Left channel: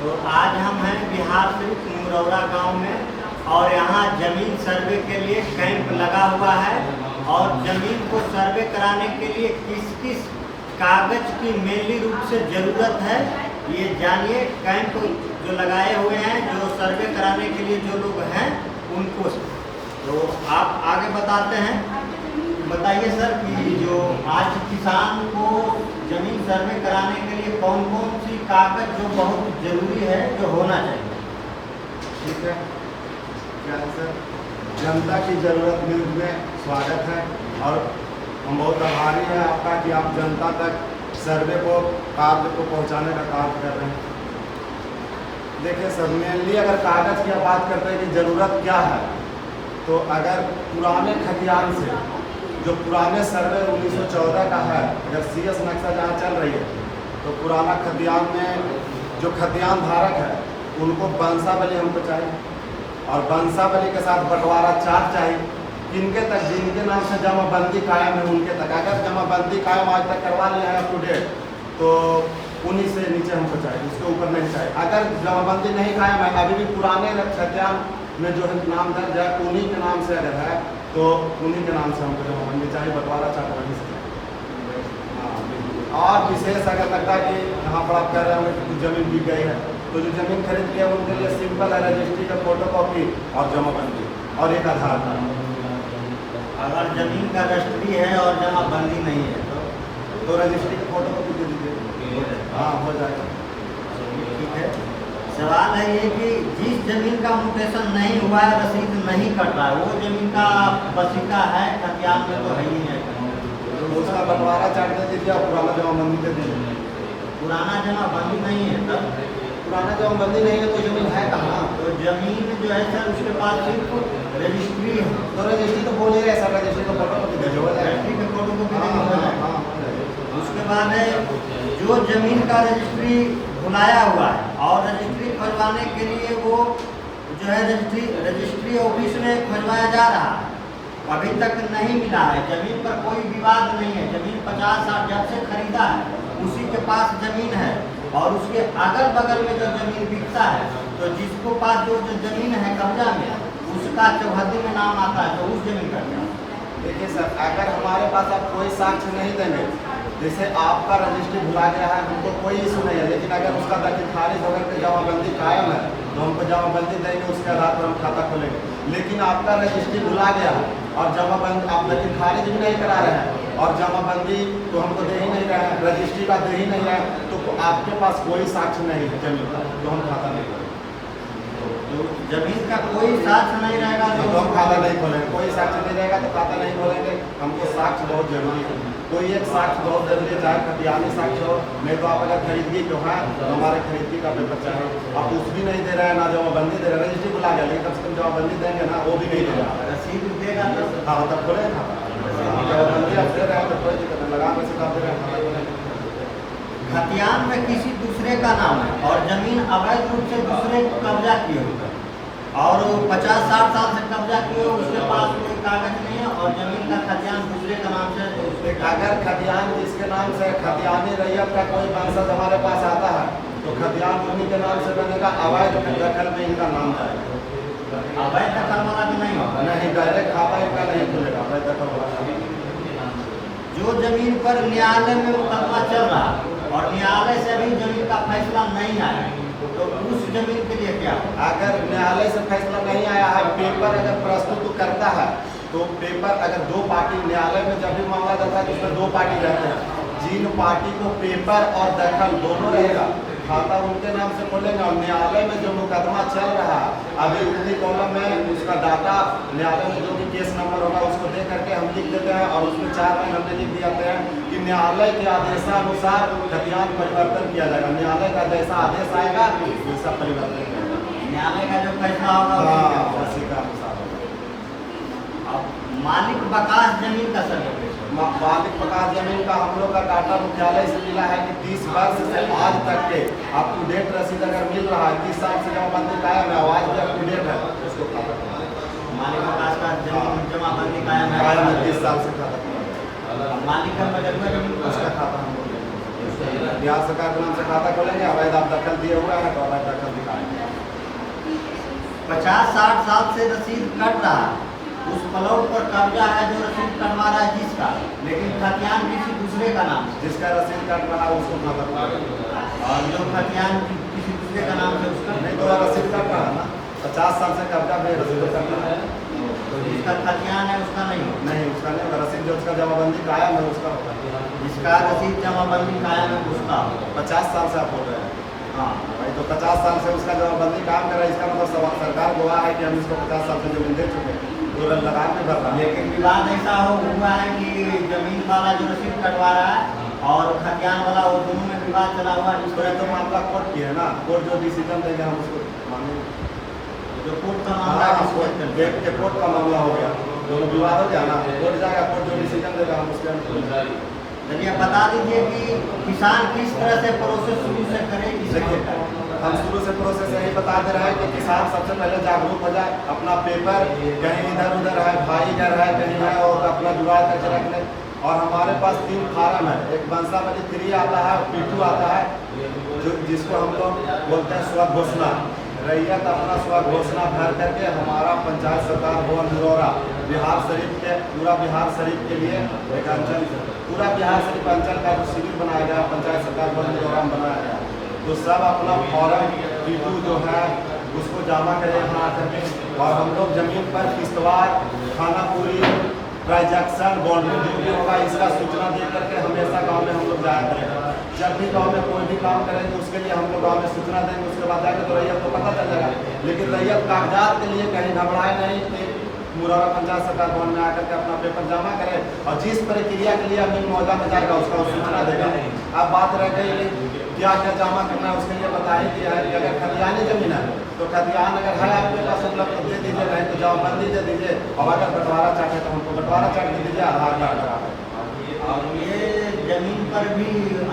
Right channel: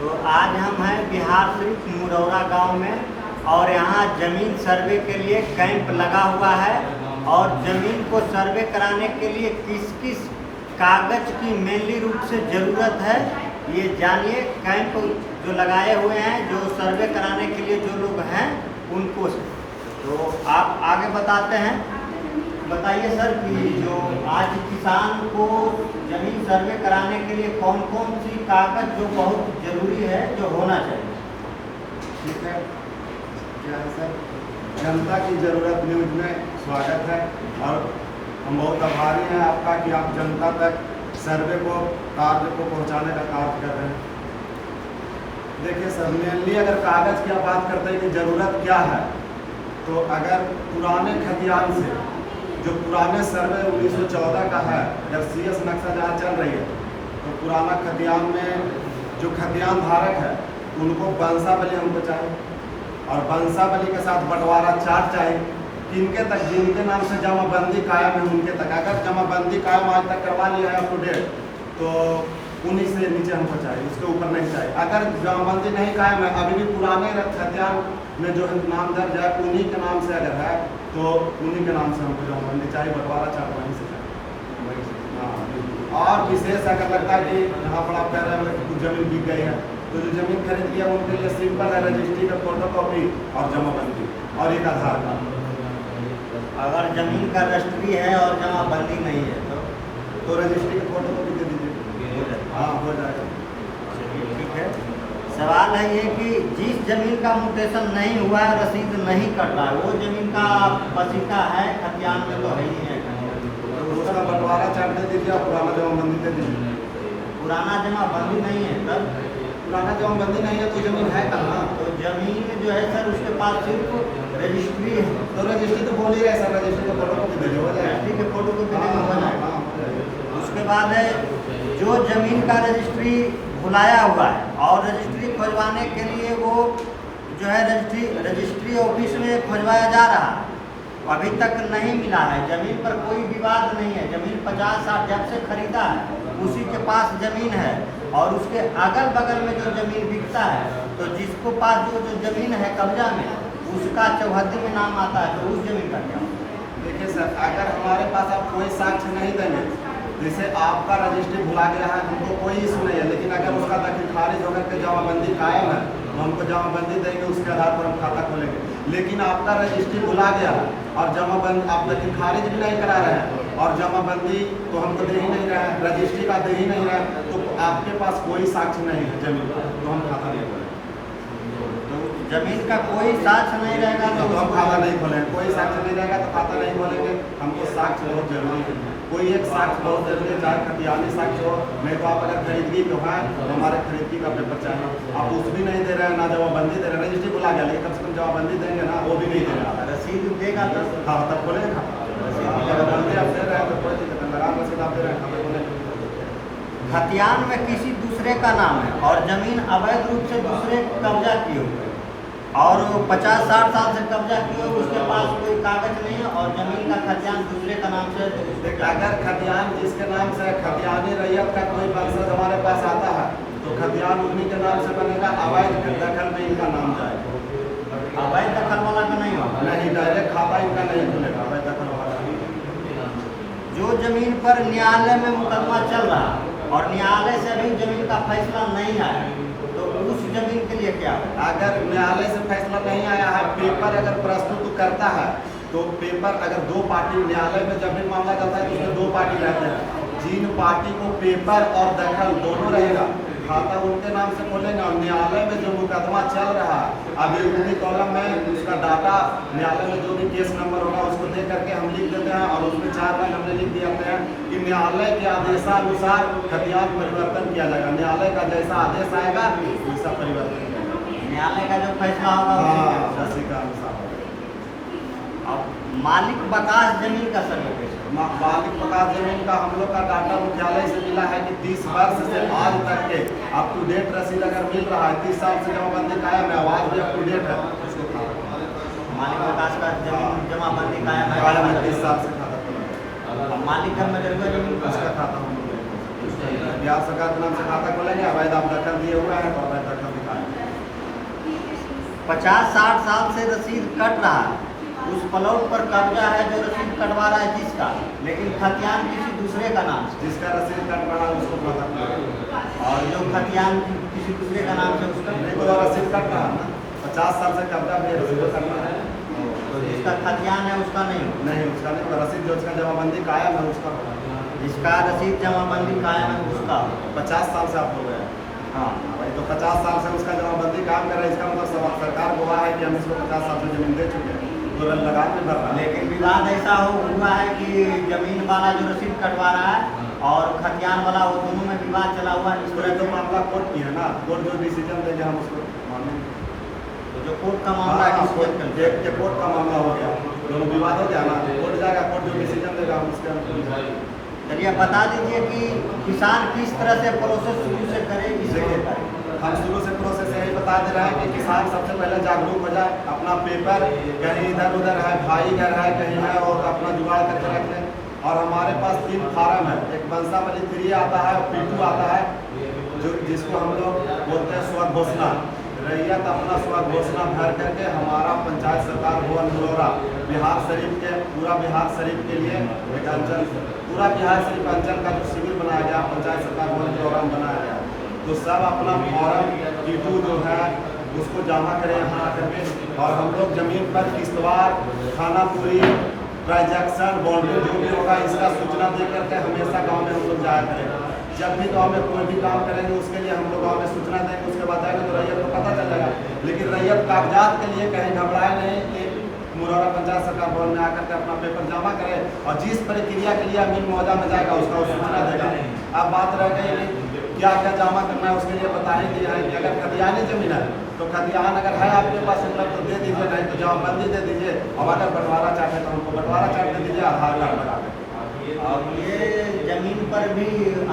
तो आज हम हैं बिहार शरीफ मुरौरा गांव में और यहाँ ज़मीन सर्वे के लिए कैंप लगा हुआ है। और ज़मीन को सर्वे कराने के लिए किस किस कागज़ की मेनली रूप से ज़रूरत है ये जानिए। कैंप जो लगाए हुए हैं जो सर्वे कराने के लिए जो लोग हैं उनको, तो आप आगे बताते हैं। बताइए सर कि जो आज किसान को ज़मीन सर्वे कराने के लिए कौन कौन सी कागज़ जो बहुत ज़रूरी है जो होना चाहिए। ठीक है, क्या है सर, जनता की ज़रूरत न्यूज़ में स्वागत है और हम बहुत आभारी हैं आपका कि आप जनता तक सर्वे को कार्य को पहुंचाने का कार्य कर रहे हैं। देखिए सर, मेनली अगर कागज़ की बात करते हैं कि ज़रूरत क्या है, तो अगर पुराने खतियान से जो पुराने सर्वे 1914 का है, अगर CS नक्शा जहाँ चल रही है तो पुराना खतियान में जो खतियान धारक है उनको वंशावली हमको चाहिए और वंशावली के साथ बंटवारा चार्ट चाहिए। किनके तक, जिनके नाम से जमाबंदी कायम है उनके तक। अगर जमाबंदी कायम आज तक करवा लिया है अप टू डेट तो उन्हीं से नीचे हमको चाहिए, उसके ऊपर नहीं चाहिए। अगर जमाबंदी नहीं कायम है, अभी भी पुराने खतियान में जो है नाम दर्ज है उन्हीं के नाम से अगर है तो उन्हीं के नाम से हमको जमाबंदी चाहिए, बंटवारा चार्ट वहीं से चाहिए। हाँ, और विशेष अगर लगता है कि यहाँ पर आप कह रहे हैं कि कुछ ज़मीन बिक गई है तो जो ज़मीन खरीद लिया उनके लिए सिंपल है रजिस्ट्री का फोटोकॉपी और जमाबंदी और एक आधार कार्ड। अगर ज़मीन का रजिस्ट्री है और जमाबंदी नहीं है तो रजिस्ट्री का फोटोकॉपी दे दीजिए। हाँ, हो जाएगा। ठीक है। सवाल है ये कि जिस ज़मीन का म्यूटेशन नहीं हुआ है, रसीद नहीं कट रहा है, वो ज़मीन का वसीका है खतियान में तो है ही नहीं, तो उसका बंटवारा चार्ट दे दीजिए और पुराना जमाबंदी दे दीजिए। पुराना जमाबंदी नहीं है तब, पुराना जमाबंदी नहीं है तो ज़मीन है कहाँ? तो ज़मीन जो है सर उसके पास सिर्फ रजिस्ट्री है। तो रजिस्ट्री तो बोल ही रहे सर, रजिस्ट्री का फोटोकॉपी दे दो, हो जाएगा। रजिस्ट्री के फोटो को हाँ, हो जाएगा। हाँ, हो जाएगा। उसके बाद है जो ज़मीन का रजिस्ट्री भुलाया हुआ है और रजिस्ट्री खोजवाने के लिए वो जो है रजिस्ट्री ऑफिस में खोजवाया जा रहा है, अभी तक नहीं मिला है। ज़मीन पर कोई विवाद नहीं है, ज़मीन 50-60 जब से खरीदा है उसी के पास ज़मीन है और उसके अगल बगल में जो ज़मीन बिकता है तो जिसको पास जो ज़मीन है कब्जा में उसका चौहद्दी में नाम आता है, तो उस ज़मीन का क्या? देखिए सर, अगर हमारे पास आप कोई साक्ष्य नहीं देंगे, जैसे आपका रजिस्ट्री भुला गया है हमको कोई इशू नहीं है, लेकिन अगर उसका दखल खारिज होकर के जमाबंदी कायम है तो हमको जमाबंदी देंगे, उसके आधार पर हम खाता खोलेंगे। लेकिन आपका रजिस्ट्री भुला गया है और जमाबंदी आप दखल खारिज भी नहीं करा रहे हैं और जमाबंदी तो हमको दे ही नहीं रहे हैं, रजिस्ट्री का दे ही नहीं रहे हैं, तो आपके पास कोई साक्ष्य नहीं है ज़मीन का, तो हम खाता नहीं खोलेंगे। तो ज़मीन का कोई साक्ष्य नहीं रहेगा तो हम खाता नहीं खोलेंगे। कोई साक्ष्य नहीं रहेगा तो खाता नहीं खोलेंगे। हमको साक्ष्य बहुत जरूरी है, कोई एक साक्ष्य बहुत जरूरी है, चाहे खतियानी साक्ष्य हो, नहीं तो आप अगर खरीदगी जो है तो हमारे खरीदगी का पेपर चाहिए। आप कुछ भी नहीं दे रहे हैं, ना जमाबंदी दे रहे हैं, रजिस्ट्री बुला गया लेकिन कम से कम जमाबंदी देंगे ना, वो भी नहीं दे रहा है। रसीद देगा तो हाँ, तब खोलेंगे खाता। जमाबंदी आप दे रहे हैं तो कोई दिक्कत नहीं, लगा रसीद आप दे रहे हैं, खाता खोलेंगे। खतियान में किसी दूसरे का नाम है और ज़मीन अवैध रूप से दूसरे कब्जा किए हुए और 50-60 साल से कब्जा किए हुए, उसके पास कोई कागज नहीं है और ज़मीन का खतियान दूसरे का नाम से अगर खतियान जिसके नाम से खतियानी रैयत का कोई वंशज हमारे पास आता है तो खतियान उन्हीं के नाम से बनेगा, अवैध दखल में इनका नाम जाएगा। अवैध दखल वाला का नहीं होगा, नहीं, डायरेक्ट खाता इनका नहीं खुलेगा, अवैध दखल वाला खाता। जो ज़मीन पर न्यायालय में मुकदमा चल रहा है और न्यायालय से भी ज़मीन का फैसला नहीं आया तो उस ज़मीन के लिए क्या? अगर न्यायालय से फैसला नहीं आया है, पेपर अगर प्रस्तुत करता है तो पेपर अगर दो पार्टी न्यायालय में जब भी मांगा जाता है तो उसमें दो पार्टी रहते हैं, जिन पार्टी को पेपर और दखल दोनों रहेगा खाता उनके नाम से खोलेंगे और न्यायालय में जो मुकदमा चल रहा है अभी उसी कॉलम में उसका डाटा न्यायालय में जो भी केस नंबर होगा उसको दे करके हम लिख देते हैं और उसमें 4 लाइन हमने लिख दिया हैं कि न्यायालय के आदेशानुसार खतियान परिवर्तन किया जाएगा। न्यायालय का जैसा आदेश आएगा वैसा परिवर्तन किया जाएगा, न्यायालय का जो फैसला होगा हाँ उसी का अनुसार होगा। मालिक बकास ज़मीन का सर्वे, मालिक बकास जमीन का हम लोग का डाटा मुख्यालय से मिला है कि 30 वर्ष से आज तक के अप टू डेट रसीद अगर मिल रहा है, 30 साल से जमाबंदी कायम है, आवाज भी अप टू डेट है, उसको खाता खोला। मालिक बकास का जमाबंदी कायम है, 30 साल से खाता खोला। मालिक का मजरूआ जमीन उसका खाता हम लोग नहीं खोल सकते। बिहार सरकार के नाम से खाता खोलेंगे, अवैध आप दखल दिए हुए हैं तो अवैध दखल दिखाएंगे। 50-60 साल से रसीद कट रहा है, उस प्लॉट पर कब्जा है जो रसीद कटवा रहा है जिसका, लेकिन खतियान किसी दूसरे का नाम से। जिसका रसीद कट रहा है उसको खाता खोलेंगे, और जो खतियान किसी दूसरे का नाम से उसका नहीं तो रसीद कट रहा है ना, 50 साल से कब्जा पे रसीद कट रहा है, तो जिसका खतियान है उसका नहीं होगा। नहीं उसका नहीं होगा। रसीद जो उसका जमाबंदी कायम है उसका होगा। जिसका रसीद जमाबंदी कायम है उसका होगा। 50 साल से आप बोल रहे हैं, हाँ, भाई तो 50 साल से उसका जमाबंदी काम कर रहा है, इसका मतलब सरकार गवाह है कि हम इसको 50 साल से जमीन दे चुके हैं, तो लगान भी भर रहा है। लेकिन विवाद ऐसा हुआ है कि जमीन वाला जो रसीद कटवा रहा है और खतियान वाला, वो दोनों में विवाद चला हुआ है। तो ये तो मामला कोर्ट की है ना, कोर्ट जो डिसीजन देंगे हम उसको मानेंगे। जो कोर्ट का मामला है, हाँ, कोर्ट का मामला हो गया, दोनों विवाद हो गया ना, कोर्ट जाएगा, कोर्ट जो डिसीजन देगा हम उसके अनुसार। चलिए बता दीजिए कि किसान किस तरह से प्रोसेस शुरू से करे। देखिए हम शुरू से प्रोसेस यही बता दे रहे हैं कि किसान सबसे पहले जागरूक हो जाए, अपना पेपर कहीं इधर उधर है, भाई घर है कहीं है, और अपना जुगाड़ करके रख लें। और हमारे पास 3 फार्म है, एक बंसावली 3 आता है, P2 आता है, जो जिसको हम लोग बोलते हैं स्वघोषणा। रैयत अपना स्वघोषणा भर करके हमारा पंचायत सरकार भवन मुरौरा बिहार शरीफ के, पूरा बिहार शरीफ के लिए एक अंचल, पूरा बिहार शरीफ अंचल का जो शिविर बनाया गया पंचायत सरकार भवन मुरौरा में बनाया गया, तो सब अपना फॉर्म P2 जो है उसको जमा करें यहाँ आकर के। और हम लोग ज़मीन पर किस्तवार, खानापुरी, ट्रांजैक्शन, बाउंड्री जो भी होगा इसका सूचना दे करके हमेशा गांव में हम लोग जाया करेंगे। जब भी गांव में कोई भी काम करेंगे उसके लिए हम लोग गांव में सूचना देंगे, उसके बाद जाएंगे तो रैयत को पता चल जाएगा। लेकिन रैयत कागजात के लिए कहीं घबराए नहीं कि मुरौरा पंचायत सरकार भवन में आकर के अपना पेपर जमा करें, और जिस प्रक्रिया के लिए अमीन मौजा में जाएगा उसका वो सूचना देगा। अब बात रह गई कि क्या क्या जमा करना है, उसके लिए बता ही दिया है कि अगर खतियानी जमीन है तो खतियान अगर है आपके पास उपलब्ध तो दे दीजिए, नहीं तो जमाबंदी दे दीजिए, और अगर बंटवारा चाहते तो हमको बंटवारा चार्ट दे दीजिए, आधार कार्ड लगा दें। और ये जमीन पर भी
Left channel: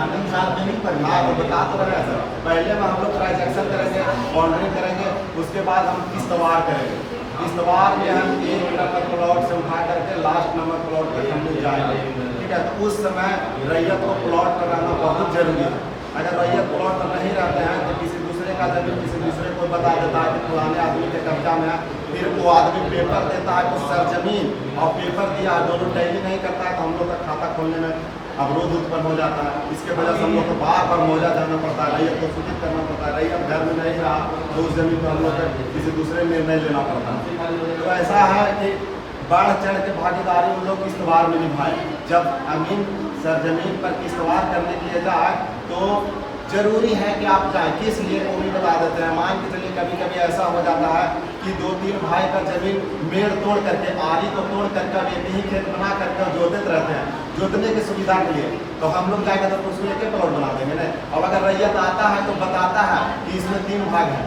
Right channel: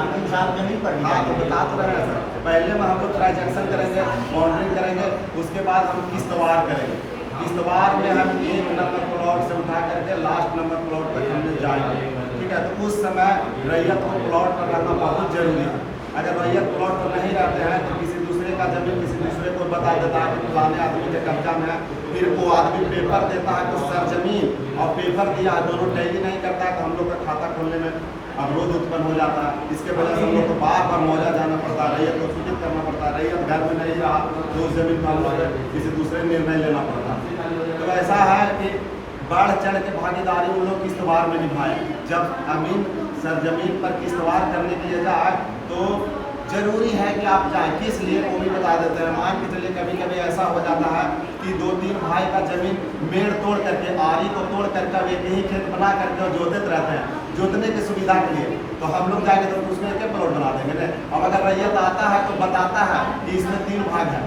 अमीन साहब जमीन पर भी हाँ तो बता तो रहे हैं सर, पहले में हम लोग ट्रांजैक्शन करेंगे, बाउंड्री करेंगे, उसके बाद हम किस्तवार करेंगे। किस्तवार में हम 1 नंबर प्लॉट से उठा करके लास्ट नंबर प्लॉट तक हम लोग जाएंगे, ठीक है। तो उस समय रैयत को प्लॉट पर रहना बहुत जरूरी है। अगर रैयत प्लॉट पर नहीं रहते हैं तो किसी दूसरे का जमीन किसी दूसरे को बता देता है कि पुराने आदमी के कब्जा में है, फिर वो आदमी पेपर देता है कि सर जमीन और पेपर दिया है दोनों टैली नहीं करता है, तो हम लोग का खाता खोलने में अवरोध उत्पन्न हो जाता है। इसके वजह से हम लोग को बार बार मौजा जाना पड़ता है, रैयत को सूचित करना पड़ता है। रैयत घर में नहीं रहा तो उस जमीन पर हम लोग किसी दूसरे निर्णय लेना पड़ता है। तो ऐसा है कि बढ़ चढ़ के भागीदारी उन लोग किस्तवार में निभाए। जब अमीन सरजमीन पर किस्तवार करने के लिए जाए तो जरूरी है कि आप जाएं, किस लिए वो भी बता देते हैं। मान के चलिए कभी कभी ऐसा हो जाता है कि 2-3 भाई का जमीन मेड़ तोड़ करके, आरी को तोड़ करके एक ही खेत बना करके जोतते रहते हैं, जोतने की सुविधा के लिए। तो हम लोग जाएंगे तो उसमें एक प्लॉट बना देंगे ना। अब अगर रैयत आता है तो बताता है कि इसमें 3 भाग है।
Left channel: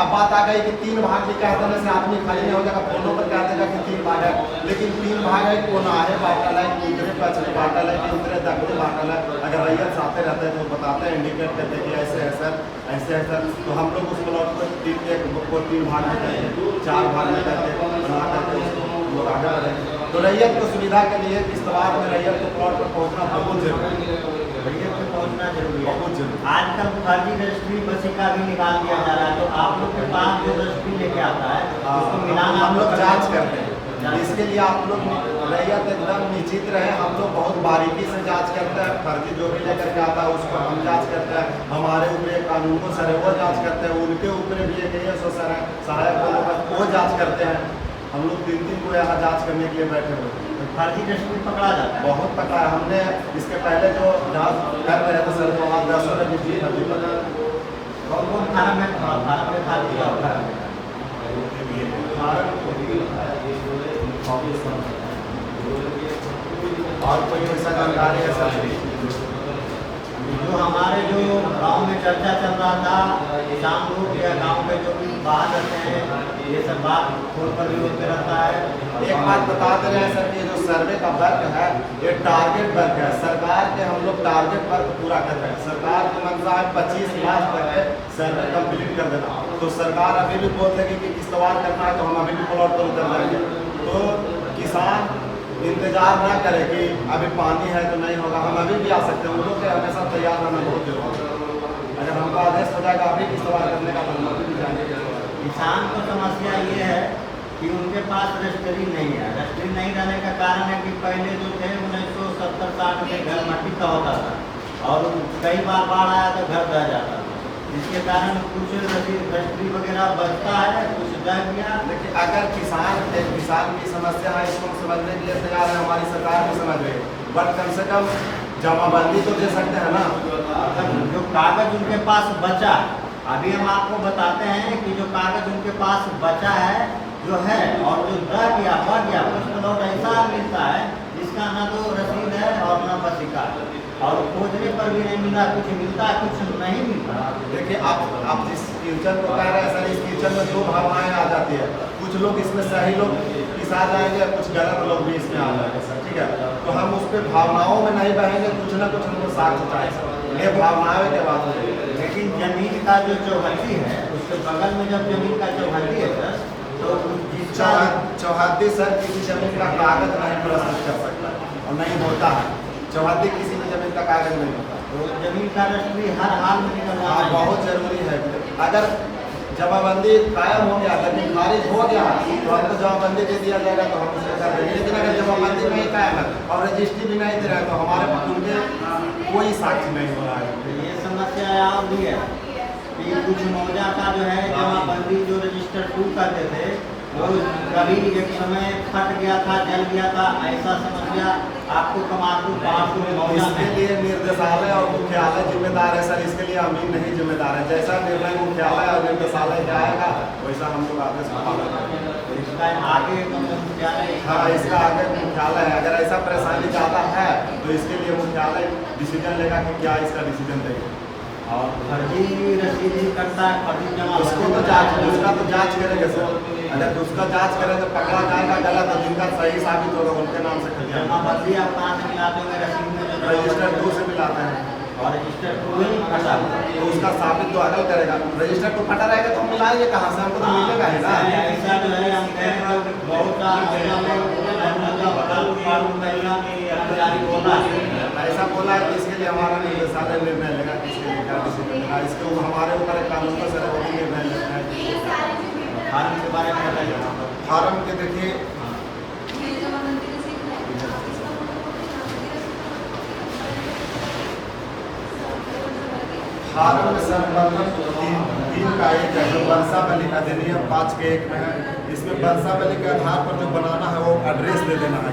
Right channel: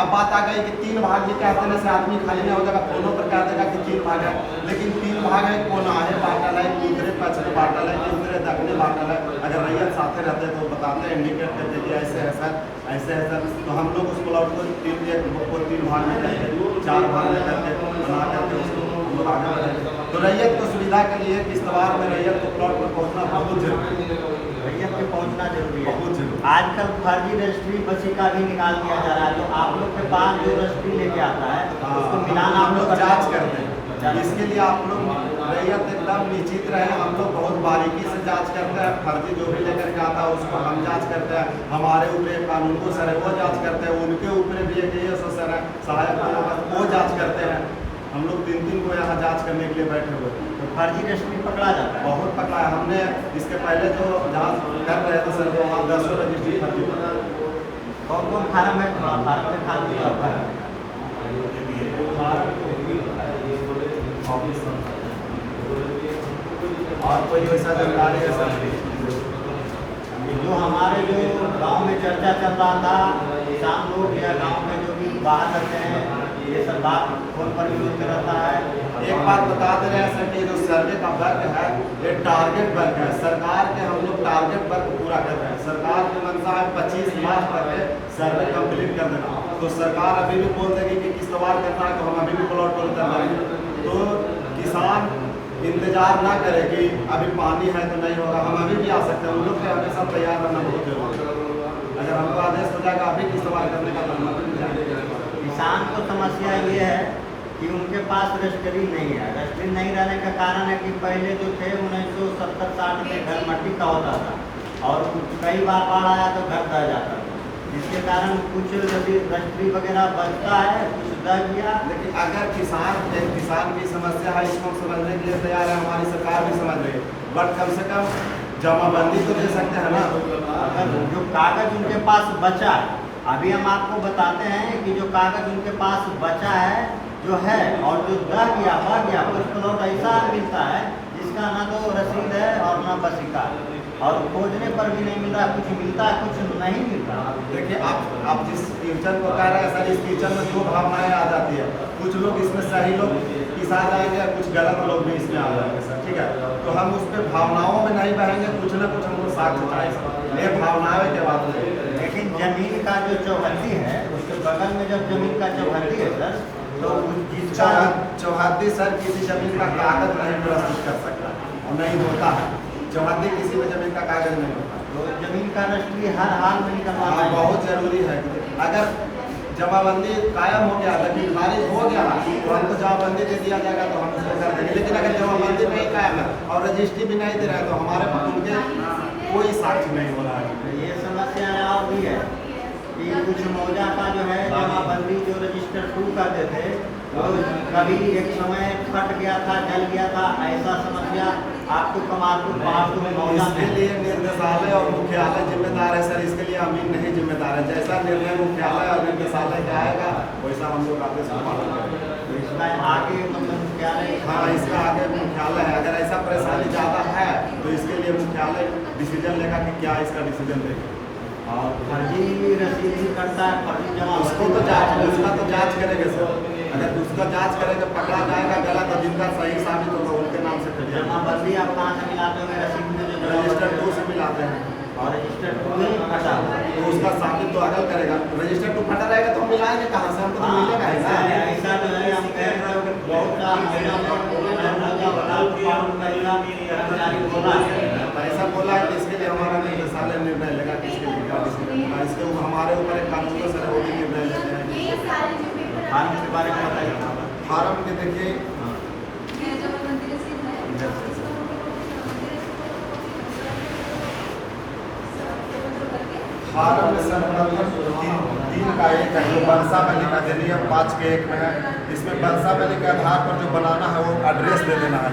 अब बात आ गई कि 3 भाग भी कह देने से आदमी खाली नहीं हो जाएगा, फोनों पर कह देगा कि 3 भाग है, लेकिन 3 भाग है, कौन आहे बाटल है, उतरे पक्ष में बाटल है कि उतरे दक्षिण बाटल है। अगर रैयत आते रहते हैं तो बताते हैं, इंडिकेट करते कि ऐसे है सर, ऐसे है सर। तो हम लोग उस प्लॉट को 3 भाग में करके 4 भाग में करके बना करके उसको हम लोग आगे बढ़ेंगे। तो रैयत को सुविधा के लिए किस्तवार में रैयत को प्लॉट पर पहुँचना बहुत जरूरी है। रैयत पे पहुंचना जरूरी है। बहुत जरूरी। आजकल फर्जी रजिस्ट्री बसिका भी निकाल दिया जा रहा है, तो आप लोग के पास जो रजिस्ट्री लेके आता है उसको मिलान हम लोग जांच करते हैं। इसके लिए आप लोग रैयत एकदम निश्चित रहे, हम लोग बहुत बारीकी से जांच करते हैं। फर्जी जो भी लेकर के आता है उसको हम जांच करते हैं। हमारे ऊपर एक कानून को सर है वो जांच करते हैं, उनके ऊपर भी एक सर है सहायक वो जांच करते हैं। हम लोग 3 को यहाँ जांच करने के लिए बैठे हुए। तो फर्जी रजिस्ट्री पकड़ा जाता है। बहुत पकड़ा है हमने। इसके पहले जो जांच कर रहे थे सर, तो वहाँ 10 रजिस्ट्री फर्जी पकड़ा। कौन फार्म में और कोई वैसा जानकारी है सर? जो हमारे जो गांव में चर्चा चल रहा था, किसान लोग या गांव में जो भी बाहर रहते हैं, ये सब बात फोन पर भी होते रहता है। एक बात बता दे रहे हैं सर कि जो सर्वे का वर्क है ये टारगेट वर्क है। सरकार के हम लोग टारगेट वर्क पूरा कर रहे हैं। सरकार की मंशा है 25 लाख तक सर्वे कंप्लीट कर देना। तो सरकार अभी भी बोल देगी कि किस्तवार करना है तो हम अभी भी प्लॉट पर कर देंगे। तो किसान इंतजार ना करें कि अभी पानी है तो नहीं होगा, हम अभी भी आ सकते हैं। उन लोग के हमेशा तैयार रहना बहुत जरूरी है। अगर हमको आदेश हो जाएगा अभी की सवाल करने का अनुमति भी जाएंगे। किसान को समस्या ये है कि उनके पास रजिस्ट्री नहीं है। रजिस्ट्री नहीं रहने का कारण है कि पहले जो थे 1970-60 में घर मट्टी का होता था और कई बार बाढ़ आया तो घर दह जाता था, जिसके कारण कुछ रजिस्ट्री वगैरह बचता है, कुछ दह गया। लेकिन अगर किसान की समस्या है, इसको समझने के लिए तैयार है, हमारी सरकार भी समझ रही है, बट कम से कम जमाबंदी तो दे सकते हैं ना। अगर जो कागज उनके पास बचा है, अभी हम आपको बताते हैं कि जो कागज उनके पास बचा है जो है और जो दह गया बढ़ गया, कुछ प्लॉट ऐसा मिलता है जिसका ना तो रसीद है और ना बसिका, और खोजने पर भी नहीं मिल रहा, कुछ मिलता है कुछ नहीं मिलता। देखिए आप जिस क्वेश्चन को कह रहे हैं सर, इस क्वेश्चन में दो भावनाएं आ जाती है। कुछ लोग इसमें सही लोग किस आ जाएंगे, कुछ गलत लोग भी इसमें आ जाएंगे सर, ठीक है। तो हम उस पर भावनाओं में नहीं बहेंगे, कुछ ना कुछ हमको साक्ष्य चाहिए, ये भावनाओं के बात हो गई। लेकिन जमीन का जो चौहद्दी है उसके बगल में जब जमीन का चौहद्दी है सर, तो जिसका चौहद्दी सर किसी जमीन का कागज नहीं प्रस्तुत कर सकता और नहीं होता है। चौहद्दी किसी में जमीन का कागज नहीं होता, तो जमीन का रजिस्ट्री हर हाल में निकलवाना है। बहुत जरूरी है। अगर जमाबंदी कायम हो गया लेकिन खारिज हो गया तो हमको जमाबंदी दे दिया जाएगा तो हम उसको कर देंगे। लेकिन अगर जमाबंदी नहीं कायम है और रजिस्ट्री भी नहीं दे रहा है तो हमारे पास उनके कोई साक्षी नहीं होना है। ये समस्या और भी है कि कुछ मौजा का जो है जमाबंदी जो रजिस्टर 2 करते थे वो कभी एक समय फट गया था, जल गया था, ऐसा समस्या आपको कमालपुर पहाड़पुर मौजा इसके में। लिए निर्देशालय और मुख्यालय जिम्मेदार है सर, इसके लिए हम ही नहीं जिम्मेदार है। जैसा निर्णय मुख्यालय और निर्देशालय का आएगा वैसा हम लोग आदेश का पालन करेंगे। इसका आगे मतलब मुख्यालय, हाँ, इसका आगे मुख्यालय है। अगर ऐसा परेशानी ज़्यादा है तो इसके लिए मुख्यालय डिसीजन लेगा कि क्या इसका डिसीजन देगा। और फर्जी रसीद भी करता है, फर्जी जमा उसको तो जांच करेंगे सर। अगर उसका जांच करेंगे पकड़ा जाएगा गलत, तो जिनका सही साबित होगा उनके नाम से खतियान। जमाबंदी आप कहाँ से मिलाते होंगे रसीद में? जो रजिस्टर 2 से मिलाते हैं और रजिस्टर 2 ही फटा हुआ, तो उसका साबित तो अगल करेगा। रजिस्टर 2 फटा रहेगा तो हम मिलाएंगे कहाँ से, हमको तो मिलेगा ही ना। ऐसा जो है हम कह रहे हैं बहुत सा मौजा कर्मचारी बोला है, ऐसा बोला है तो इसके लिए हमारा निर्देशालय निर्णय लेगा कि इसके लिए क्या डिसीजन लेगा। इसके हमारे ऊपर एक कानून का सर वो भी निर्णय लेते हैं। फार्म के बारे में बताइए। फार्म के देखिए फार्म में सर्वप्रथम तीन का एक है जो बंसावली का अधिनियम 5 के 1 में है। इसमें बंसावली के आधार पर जो बनाना है वो एड्रेस दे देना है।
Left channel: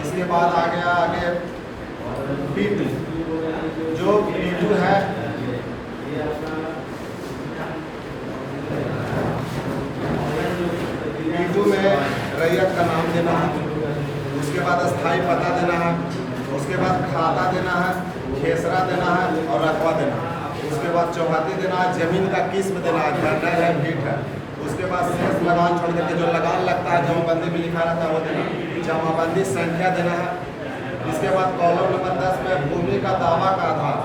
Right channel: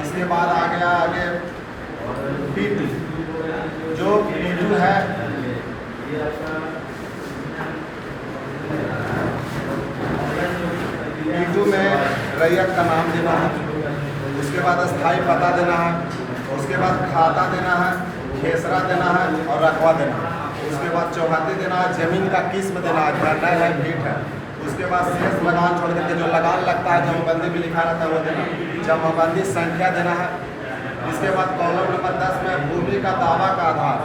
इसके बाद आ गया आगे P2, जो P2 है P2 में रैयत का नाम देना है, उसके बाद स्थायी पता देना है, उसके बाद खाता देना है, खेसरा देना है और रकबा देना है। उसके बाद चौहद्दी देना है, जमीन का किस्म देना है, खंडर है, फीट है। उसके बाद शेष लगान छोड़ करके जो लगान लगता है जमाबंदी में लिखा रहता है वो देना, जमाबंदी संख्या देना है। इसके बाद कॉलम नंबर 10 में भूमि का दावा का आधार,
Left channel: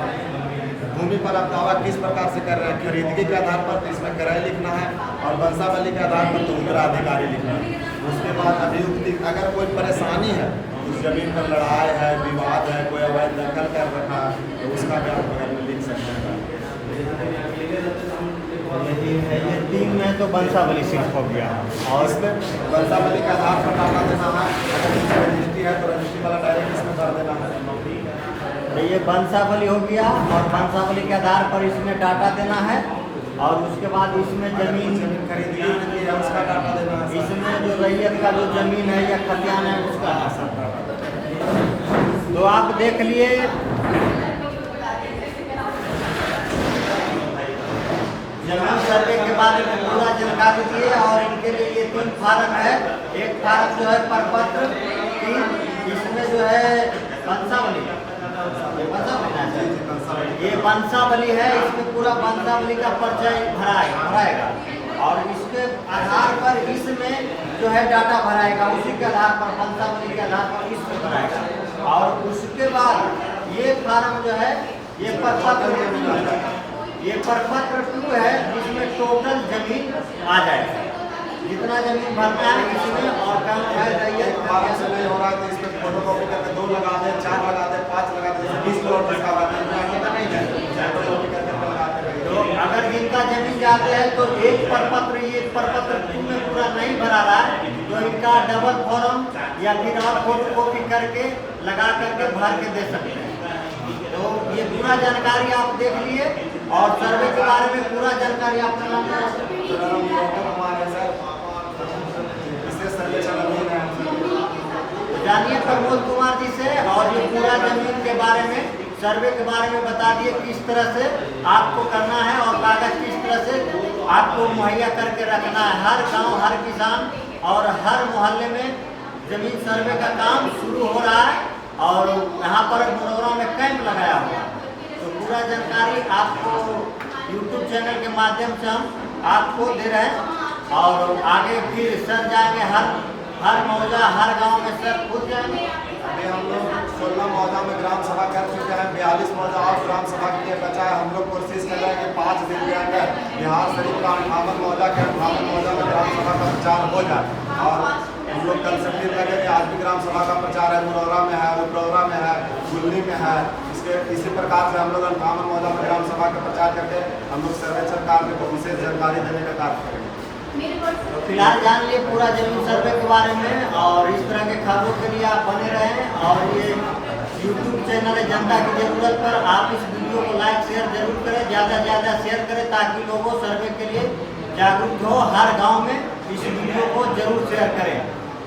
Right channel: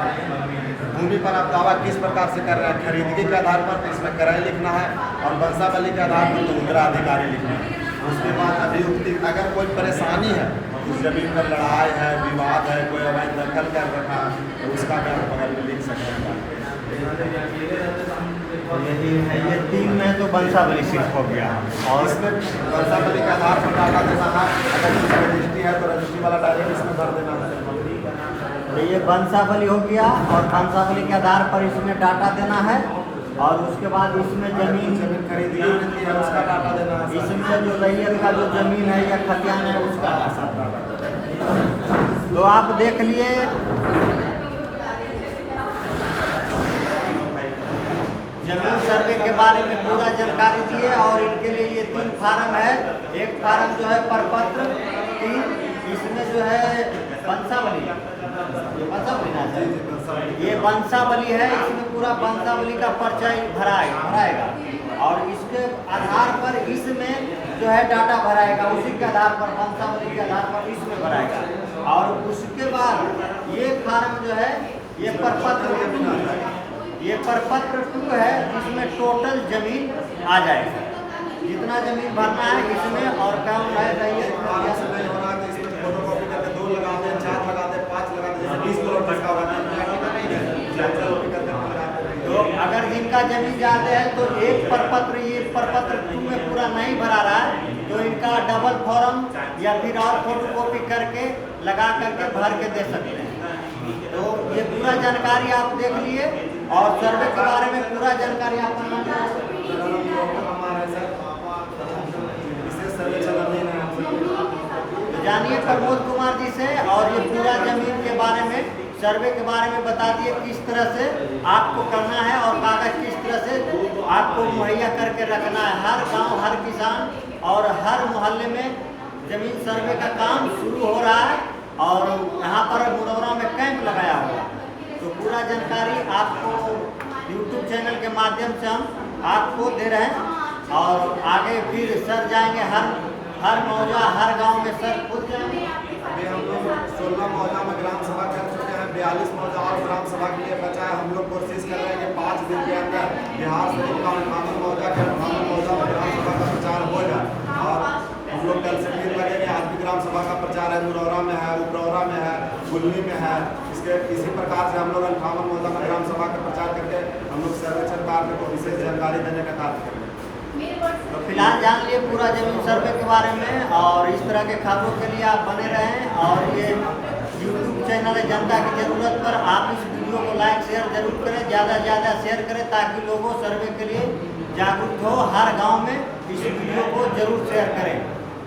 भूमि पर आप दावा किस प्रकार से कर रहे हैं, खरीदगी के आधार पर तो इसमें किराया लिखना है और बंसावली के आधार पर तो उत्तराधिकारी लिखना है। उसके बाद अभियुक्ति, अगर कोई परेशानी है उस जमीन पर लड़ाई है, विवाद है, कोई अवैध दखल कर रखा है तो उसका भी आप बगल में लिख सकते हैं। यही है, ये 3 में तो बंसावली सिर्फ हो गया और इसमें बंसावली के आधार पर डाटा देना है। अगर इसमें रजिस्ट्री है तो रजिस्ट्री वाला डायरेक्ट इसमें भर देना है। तो ये बंसावली हो गया और बंसावली के आधार पर इसमें डाटा देना है और उसके बाद इसमें जमीन खरीदगी होती है उसका डाटा देना है। इसमें जो रैयत का जो जमीन है या खतियान है उसका डाटा। तो आप देख लिए जमीन सर्वे के बारे में पूरा जानकारी दिए और इनके लिए ये 3 फार्म है। एक फार्म जो है प्रपत्र 3, इसमें जो है बंसावली, ये बंसावली है, इसमें पूरा बंसावली का परिचय भराएगा और इसके आधार पर इसमें जो है डाटा भराएगा, उसी के आधार पर बंसावली के आधार पर इसमें भराएगा। और उसके बाद ये फार्म जो है ये प्रपत्र 2 है जिसमें टोटल जमीन आ जाएगा। जितना जमीन भरना है इसमें और कम है रैयत का बारह से नहीं हो रहा है तो इसमें फोटोकॉपी करके 2 लगा दें, 4 लगा दें, 5 लगा दें, जैसे 20 प्लॉट जिसका होता है नहीं है, फोटोकॉपी करके लगाते रहिए। तो अगर जिनका जमीन जाते हैं तो एक प्रपत्र, ये प्रपत्र 2 में पूरा नहीं भरा रहा है तो इनका डबल फॉर्म या फिर और फोटोकॉपी करके लगा करके भर के दे सकते हैं। तो ये पूरा जानकारी आप देख लिए और सर्वे के बारे में पूरा जानकारी आपका नाम है? मेरा नाम प्रमोद कुमार है सर, विशेष सर्वेक्षण अधीन है हम सर। तो जानिए प्रमोद कुमार जी से और ये पूरा जमीन के बारे में, सर्वे के बारे में बता दिए किस तरह से आपको करना है और कागज किस तरह से आपको मुहैया करके रखना है। हर गांव, हर किसान और हर मोहल्ले में जमीन सर्वे का काम शुरू हो रहा है और यहाँ पर मुरौरा में कैंप लगाया हुआ है। तो पूरा जानकारी आपको YouTube चैनल के माध्यम से हम आपको दे रहे हैं और आगे फिर सर जाएंगे हर मौजा, हर गांव में सर खुद जाएंगे। अभी हम लोग 16 मौजा में ग्राम सभा कर चुके हैं, 42 मौजा और ग्राम सभा के लिए बचा है। हम लोग कोशिश कर रहे हैं कि 5 दिन के अंदर बिहार शरीफ का 58 मौजा के 58 मौजा में ग्राम सभा का प्रचार हो जाए। और हम लोग कल से फिर लगे कि आज भी ग्राम सभा का प्रचार है, मुरौरा में है, उपरौरा में है, गुल्ली में है। इसी प्रकार से हम लोग 58 मौजा में ग्राम सभा का प्रचार करके हम लोग सर्वेक्षण कार्य को विशेष जानकारी देने का कार्य करेंगे। तो फिलहाल जान लिए पूरा जमीन सर्वे के बारे में और इस तरह के खबरों के लिए आप बने रहें। और ये YouTube चैनल है जनता की ज़रूरत पर, आप इस वीडियो को लाइक शेयर जरूर करें, ज़्यादा से ज़्यादा शेयर करें ताकि लोगों सर्वे के लिए जागरूक हो। हर गांव में इस वीडियो को जरूर शेयर करें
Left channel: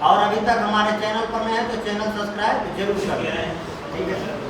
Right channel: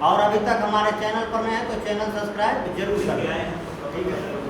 और अभी तक हमारे चैनल पर नए हैं तो चैनल सब्सक्राइब जरूर करें। ठीक है सर।